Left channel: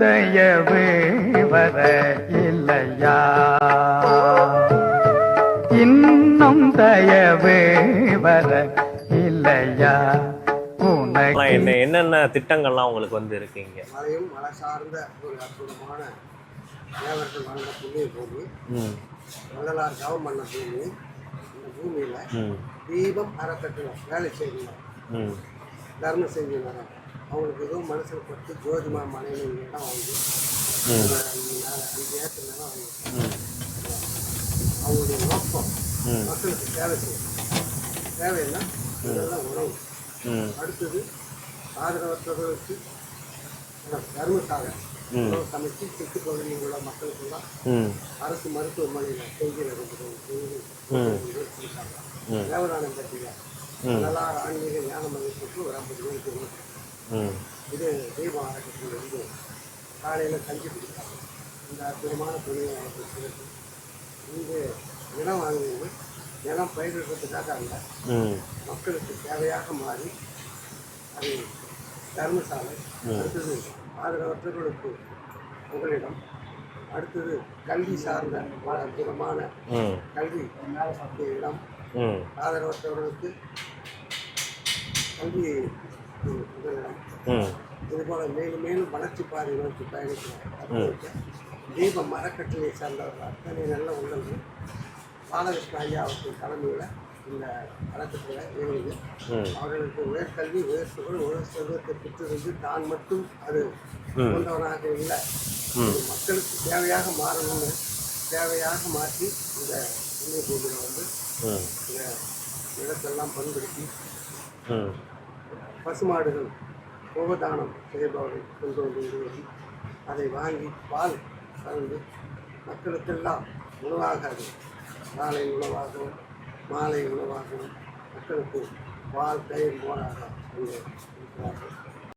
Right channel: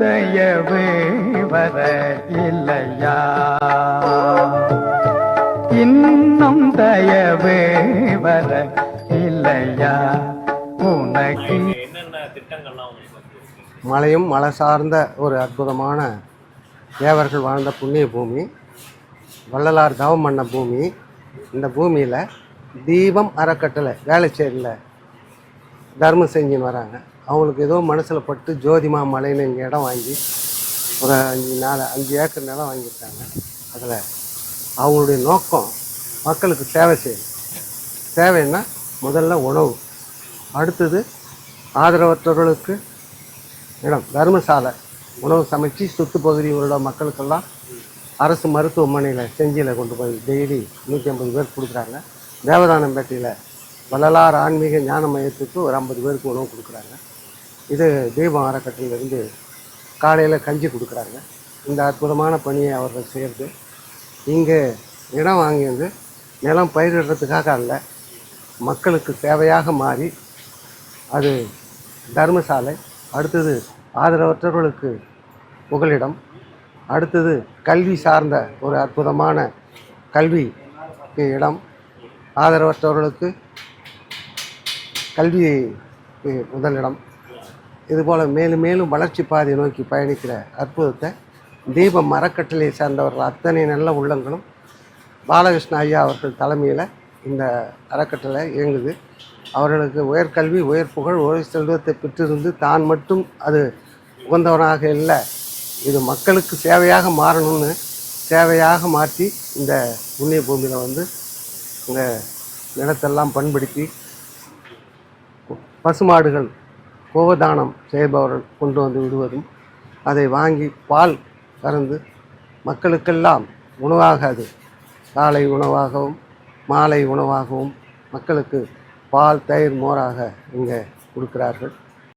தயவு வர இல்லையா? இன்னும் தயவு வர இல்லையா? என்னென்ன திட்டங்கள்லாம் உங்களுக்கு வந்து இருக்கீங்க? மலையும் மலை சார்ந்த ஒரு அற்புதமான தேவர்கள் வாழ்ந்த புண்ணிய பூமி, வள்ளலார் தவம் பண்ண பூமி. இந்த பூமியில் தீபம் அறக்கட்டளை வேலைச்சேரியில் தர்மம் செஞ்சுன்னு வராங்க. அவங்களுக்கு ஏதோ மனசில் பட்டு ஜோதிமா மலைன்னு இங்கே இடம் வாங்கி ஒரு 5 ஏக்கர் நிலம் வாங்கியிருக்காங்க. அதில் அவங்களுடைய நோக்கம் மக்களுக்கு சேவை செய்யும். சேவைன்னா முதல்ல உணவு, அடுத்தது ஆதரவற்றவர்களுக்கு இடம், தர்மசாலை, உணவு சமைச்சு சுற்று பகுதியில் உள்ள மக்களுக்கெல்லாம் அரசு மருத்துவமனையில் செஞ்சியில் கொண்டு போய் டெய்லி 150 பேர் கொடுக்குறாங்க. தேவதானம்பேட்டையில் வள்ளலார் ஆன்மீக ஞான மையத்துக்கு ஒரு 50 பேருக்கு உணவு கொடுக்குறாங்க. இது தீபம் அறக்கட்டளையிலேருந்து காலையில் கஞ்சி கொடுக்குறாங்க. இந்த அற்புதமான பணியை அவர்கள் செய்கிறது. இங்கே இடம் வாங்கி வந்து நிலம் பயிரிடுறதுக்காக அல்ல, மக்களுக்கு தேவையாக மாறி அது தர்மசாலை, அடுத்தது ஆதரவற்றவர்களுக்கு புகலிடம், அடுத்தது கல்வி சார்ந்த ஒரு அற்புதமான கல்விக்கு இடம், ஆதரவற்றவர்களுக்கு கல்வி முதலிடம். இதுபோல் மேலும் மேலும் வளர்ச்சி பாதையை நோக்கி பயணிக்கிற அற்புதத்தை தீபம் அறக்கட்டளையை சேர்ந்தவர்கள் அத்தனை நல்ல உள்ளங்களும் பாலகிருஷ்ண ஐயா அவர்கள் தலைமையில் இந்த அறக்கட்டளை இயங்குது. அவர்களுக்கு உயர்கல்வி, உயர் புகழ், உயர் செல்வத்தை பெற்றிருந்து தான் மட்டும் அது உகந்தவனாக இல்லை, இது மக்களுக்கு சேவையாக மாறணும்னு சேவையாக மாற்றி இந்த புண்ணிய பூமியில் வந்து இந்த நிலத்தெல்லாம் பண்படுத்தி பசுமாடுகள் கோதானம் செய்பவர்கள் கொண்டு வந்து விடுவதும், அதை வாங்கி பால் கறந்து மக்களுக்கெல்லாம் உணவாக, அது காலை உணவாகவும் மாலை உணவாகவும் மக்களுக்கு பால், தயிர், மோராக இங்கே கொடுக்கிறார்கள்.